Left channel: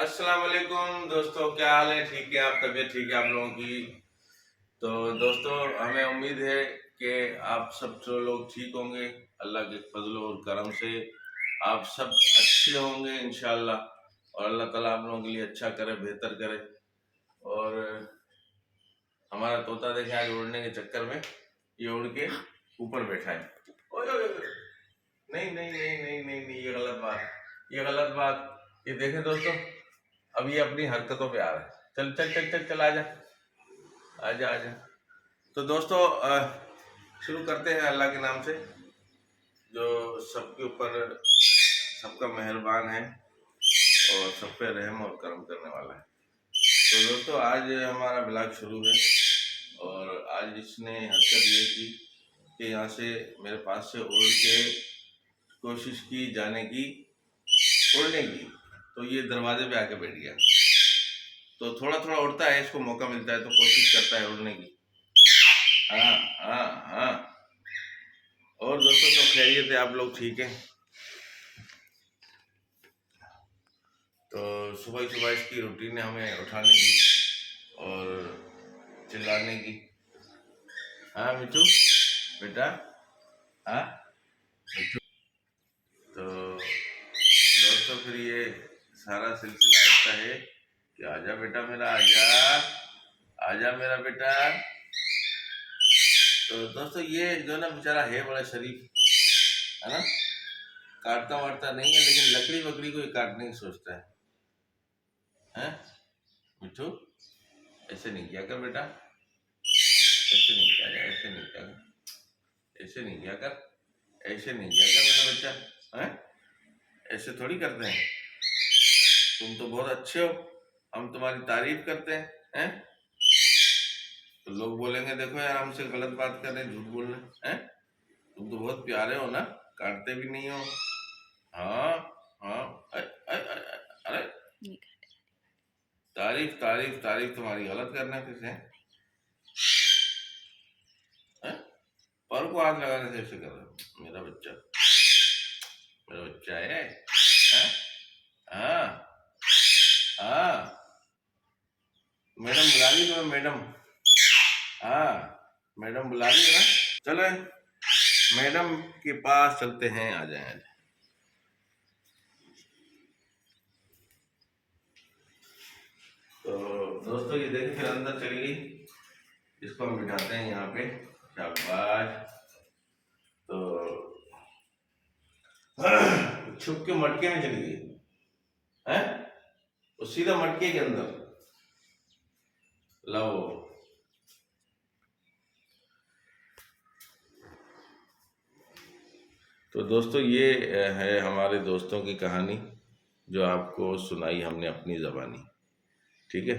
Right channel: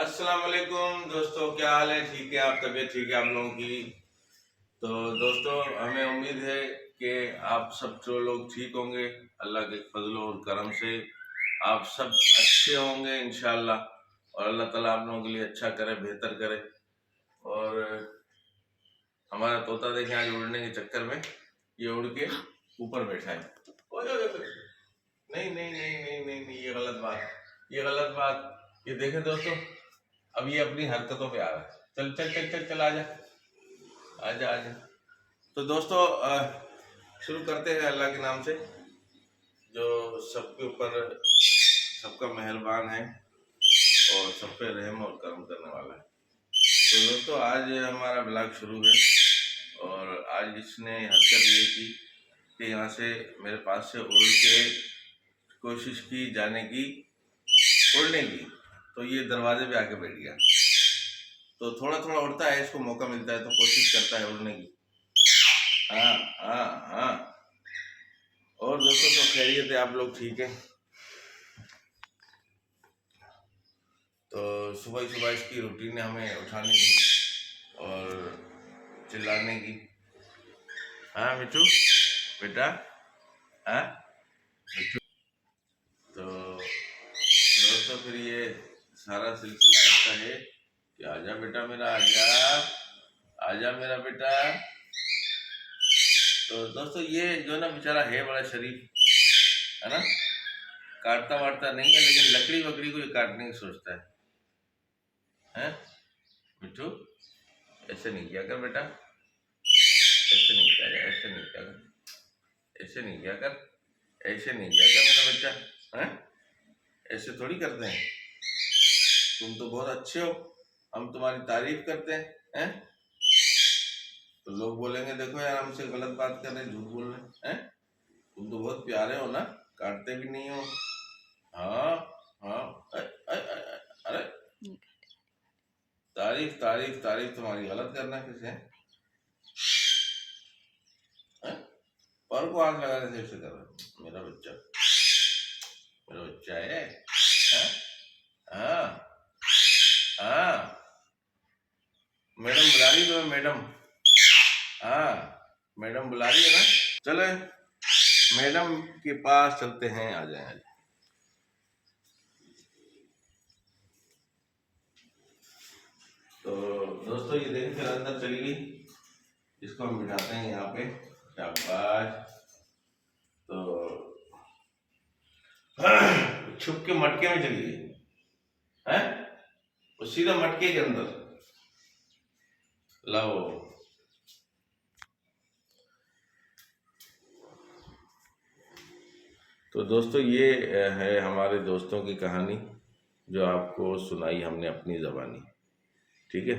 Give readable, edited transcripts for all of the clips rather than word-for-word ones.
अस्सलाम वालेकुम दोस्तों, क्या हाल है? ठीक है? आप तबीयत ठीक है आप लोगों की? तो दोस्तों, हमें उम्मीद है कि आप सब जो लोग ठीक होंगे। अल्लाह के फजल और करम से आप सब अच्छे होंगे इंशाल्लाह। और अल्लाह ताला आप लोगों के लिए अच्छा करे, बेहतर करे। और हमारा तोता देखे आज उड़ने के चक्कर में ये उड़ के ऊपर बैठा है। ओए, ओए, ओए, नहीं नहीं नहीं नहीं नहीं नहीं, ये गलत बात, ये गलत बात। ये देखें दोस्तों, अब ये अपनी हरकतों पे आ रहा है। चल चल चल चल चल, आजा आजा आजा। तो दोस्तों, शुरू करते हैं अल्लाह के नाम से, जो सबके ऊपर सबका मेहरबान है और सब पे रहम और करम करने वाला है। तो दोस्तों, आज हमारा ब्लॉग शुरू है। और आज इसने हरकत ये की कि यहाँ से मेरे पास से उड़ के कोशिश की जाने की, उड़ने की। तो ये दरवाजे पे आके बैठ गया। तो थोड़ा थोड़ा उड़ता है, इसको मौका मिलता है तो कोशिश करता है उड़ने की। हाँ हाँ हाँ। और दोस्तों, सब खैरियत है? आप लोग ठीक हैं? तो सुबह सुबह इसकी रूटीन है हमें उठाने की और चिल्लाने की। हाँ मिठू बेटा, हाँ मिठू। तो दोस्तों, फिर ये सारा सिलसिला ऐसा है कि आजा बेटा मेरा, आजा आजा मेरा बेटा। तो दोस्तों, ये जो ना बेचारा है बड़ा शरीफ, है ना। काटता वाटता नहीं है, लेकिन लकड़ी वकड़ी को ये काटने की सोचता है। मिठू, ऐसे नहीं किया कर बेटा, ऐसे नहीं किया कर, ऐसे नहीं किया कर, ऐसे नहीं किया कर, ऐसे नहीं किया कर मेरा बच्चा। हैं? ऐसे थोड़ी करते हैं। तुम तो बहुत अच्छे हो, हम तुम्हारी तारीफ करते हैं। तो लोग बोलेंगे देखो यार, हमसे गलत बात कर रहे हैं, झूठ बोल रहे हैं। तुम तो बहुत प्यारे हो ना, काटते भी नहीं हो। हाँ हाँ। अरे, तारीफ तारीफ तारीफ तुम्हारी गलत करना किसे है? पर को हाथ लगाने से ऐसे कर रहा है। मेरा बच्चा, मेरा बच्चा है। हाँ हाँ। मैडम बुला रही है तुम्हें, मैडम। हाँ, मैडम बुला रही है ना। चलो मैडम के पास चलते हैं, आ जाए। तो दोस्तों, ये देखिए फिर अंदर चली गई। इसको हम बिठाते हैं यहाँ पे। शाबाश। तो छुप के मटके में चली गई है, वो सीधा मटके के अंदर। लो। तो दोस्तों, ये है हमारे दोस्तों की कहानी, जो आपको सुनाई हमने अपनी ज़बानी। ठीक है।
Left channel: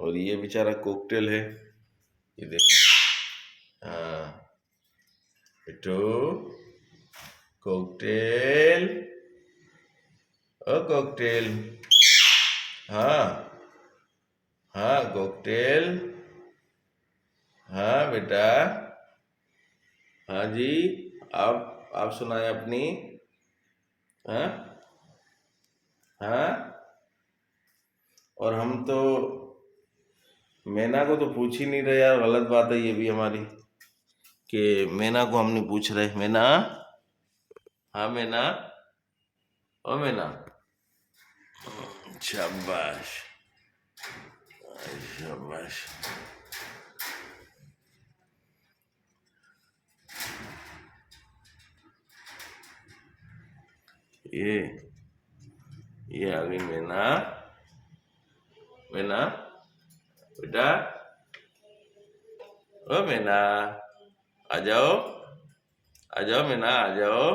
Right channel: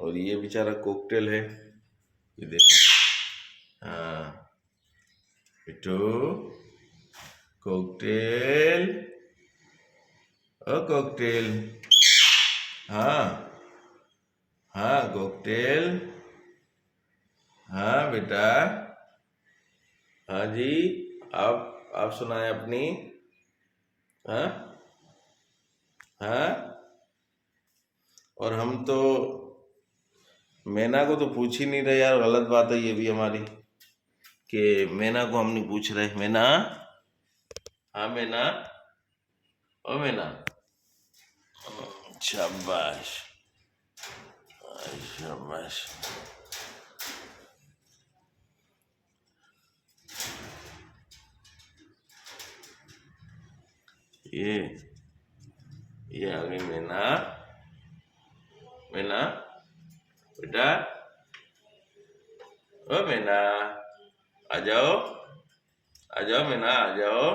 और ये बेचारा कोकटेल है, ये देखो। हाँ बेटो, कोकटेल, ओ कोकटेल। हाँ हाँ कोकटेल, हाँ बेटा, हाँ जी। आप सुनाए अपनी। हाँ हाँ। और हम तो मैना को तो पूछ ही नहीं रहे यार, गलत बात है ये भी हमारी, कि मैना को हम नहीं पूछ रहे। मैना, हाँ मैना, ओ मैना। शाबाश शाबाश। ये ये आ गई मैना। मैना बेटा, ओ मैना, आ जाओ, आ जाओ मैना, आ जाओ।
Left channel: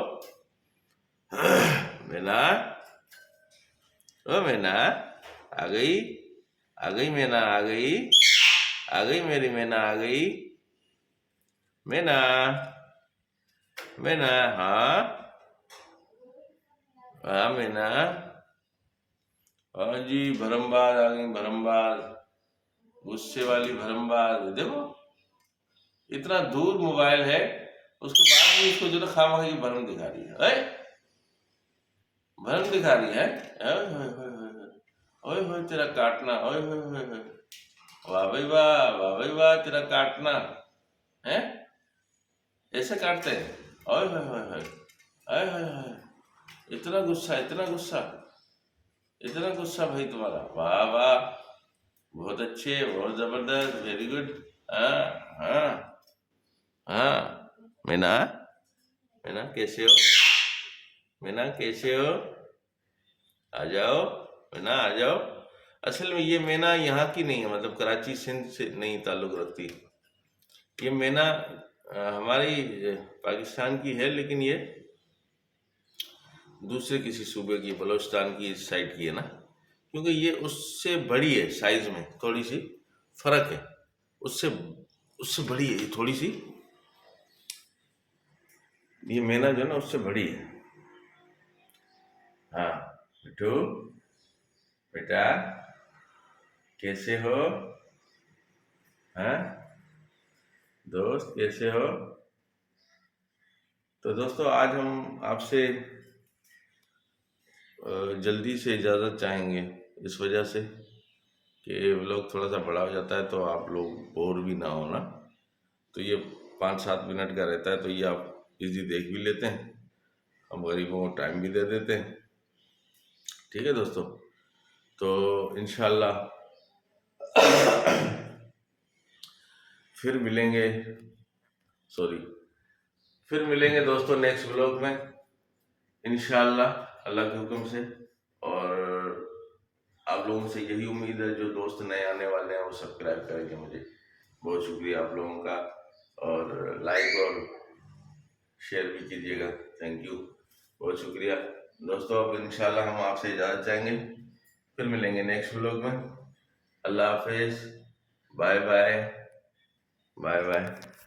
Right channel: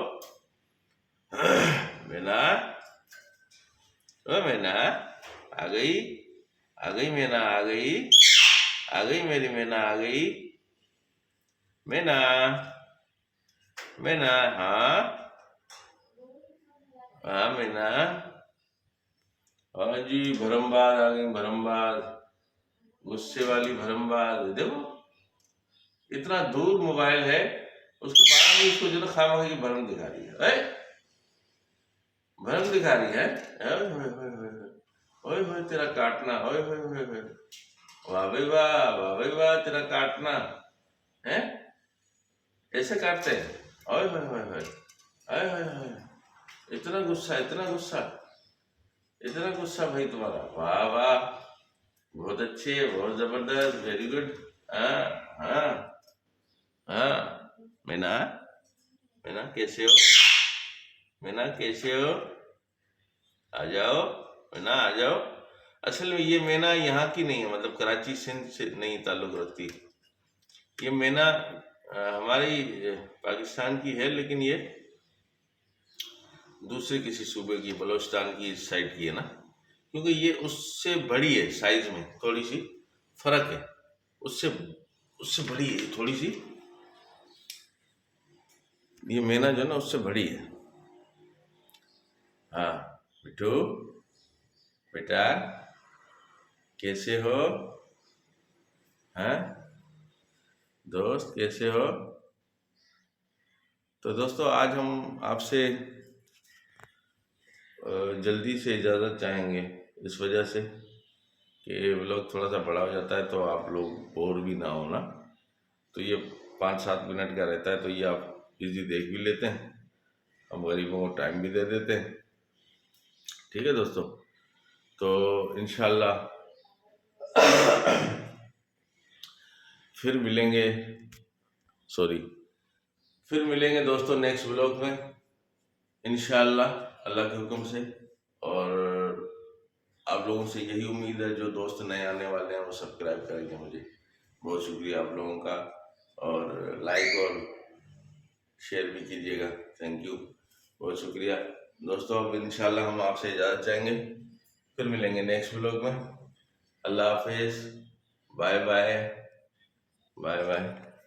मैना, ओ मैना, आ गई, आ गई मैना, आ गई, आ गई मेरी मैना, आ गई। मैना, मैना, हाँ हाँ मैना। हाँ जी, भरमबाज आ गई, भरमबाज, गुस्से वाली भरमबाज। देखो, इतना दूर मोबाइल है, उसके बाद भी उसको जो ना खामोशी की भरम दिखा रही है। भरम दिखा रही है। ओए, ओए, ओए, ओए, ओए। ओए होए तेरा काटना, ओए होए होए होए, वाह भाई वाह, वाह भाई वाह, तेरा काटना है, ऐसे काटते हैं, ओए होए होए होए, ओए होए होए, इतना गुस्सा, इतना गुस्सा, इतना गुस्सा भाई तुम्हारा, वाह वाह, बहुत अच्छे, बहुत जबरदस्त, वेरी गुड। हाँ हाँ हाँ। मीना, मीना कैसे हो, मीना कैसे हो, आ जाओ, मीना आ जाओ। असल में ये मैना यहाँ की नहीं है, मतलब कराची सिंध से नहीं ताल्लुक रखती। ये मैना हमारी पाकिस्तान की है, लेकिन ये दूसरे किसी सूबे की, बलोचिस्तान की इस साइड की है ना, क्योंकि ये उससे बड़ी है साइज में, थोड़ी सी फर्क है, उससे उससे बड़ी है ये थोड़ी सी, ये मैना जो है ना उससे बड़ी है। हाँ बिट्टू, बेटा कैसे हो, हाँ दोस्त कैसे हो। तो दोस्तों आज हम आपसे जल्दी से इजाज़त चाहेंगे, इस वजह से कि व्लॉग थोड़ा सा बड़ा हो जाता है तो आप लोग बोर भी ना हो ना। तो ये 5-7 मिनट का रहता है, तो ये आप इजी देख भी लेते हैं, हम गरीबों को टाइम भी दे देते हैं। ठीक है दोस्तों, तो इंशाल्लाह फिर मिलेंगे, सॉरी, फिर मिलेंगे दोस्तों नेक्स्ट व्लॉग में इंशाल्लाह, अल्लाह के हुक्म से। और आप लोगों से यही उम्मीद है, जो दोस्त नए आने वाले हैं वो सब्सक्राइब करेंगे मुझे। बहुत शुक्रिया आप लोगों का, और लाइक और शेयर भी कीजिएगा, थैंक यू, बहुत शुक्रिया दोस्तों। अब इंशाल्लाह हम आपसे इजाज़त चाहेंगे, फिर मिलेंगे नेक्स्ट व्लॉग में। अल्लाह हाफिज़, बाय बाय, बाय बाय।